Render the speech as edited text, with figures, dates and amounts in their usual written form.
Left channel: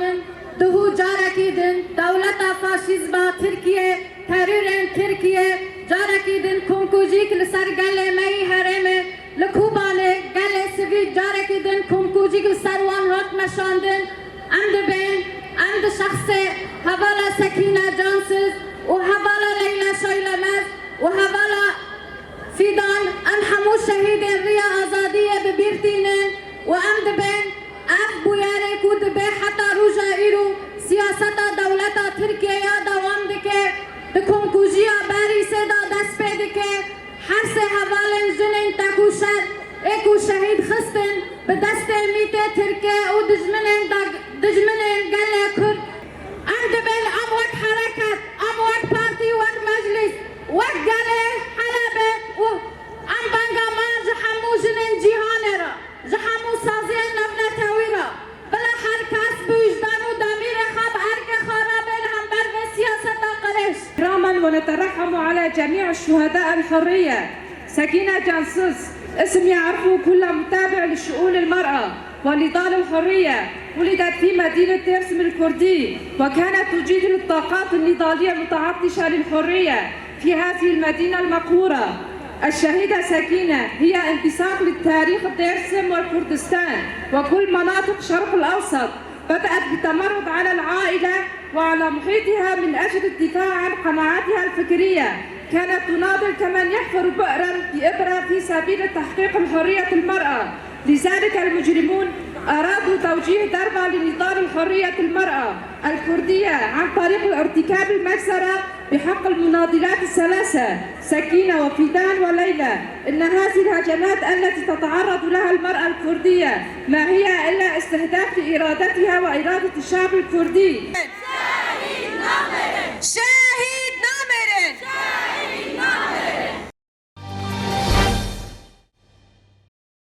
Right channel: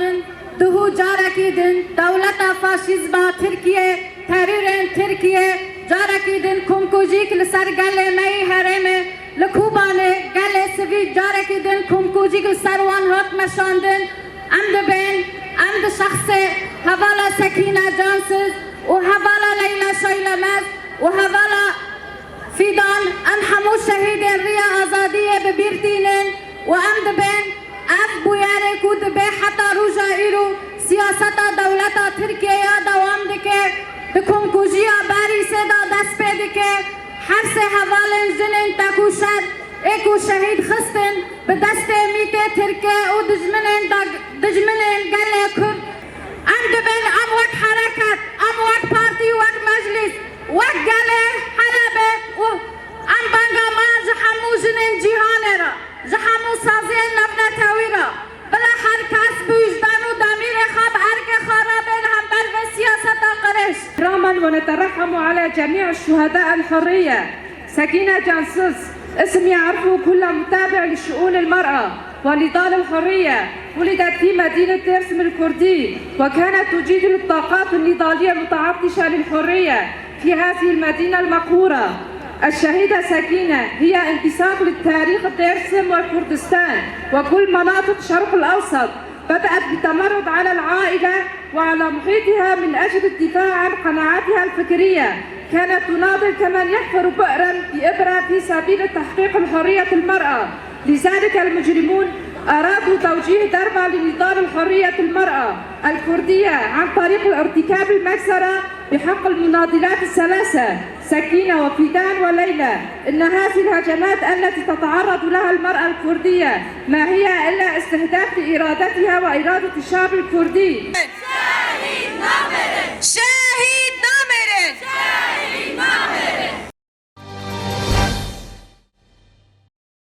زانن دهو جارکی دن دولت فاشیزما ترکیه ترورن ترکیه جارکی دن کمکوجیک لسر گله می هرمه لکوبانه گله سوی جارکی دن کمکوجیک لسر وان هات مشاندن امد بین امد شخص حوالا سکینه جانسز و حوالا لیلا شایلمز و حوالا فیدان ام همو شهید ریا آزادیه ببیرتینن و امد بین اف بویاره کود به حتی روژا ایرو سیاست دولت ترکیه دوام دکه دکم کوجیا باری سدا دست پیده که هر سه حوالن جنن تاکو شد ایکو شهید خستن به دست میته ترکیه و دجمنن گله کرد امد بین ام وقت حرکت ام وقت پارتی وقت مجلس وقت گله حلبه و ام بانگا ما جحمو جنن جیهانه را جحمو سازی نبنتاوی را بلا هر کس بوجدان و دامیر خواب هرک خرابين هم بر سياسة قريش إكراما ونترحم على جميع الشهداء الحرية. سكينة جانسز اسم يعرفه كل متابع لشؤون المرأة ونضال الحرية. ولدت في مدينة ترسم الكردي وكانت تجيد الطاقات النضالية المتعطشة للحرية في هذه المدينة المقهورة. الشهيدة سكينة هي انتساب للتاريخ ترسم والكردستان وكل مناطق شرق الأوسط. بدأت بالتمرد على العائلة وعلى محيطها من أجل الدفاع عن قناعاتها الفكرية. كانت تناضل كمن يحفر بئرا بإبرة في سبيل تحقيق الحرية المرأة. لذلك المجرمون أرادوا توجيه ضربة لنضال الحرية المرأة الكردية عن طريق الارتكاب المجزرة بحق المناضلات الثلاثة سكينة وفيدان وليلى. إن هذه الهجمات التي تتعرض لها المرأة الكردية ما هي إلا استهداف لإرادتها وإرادة الشعب الكردي.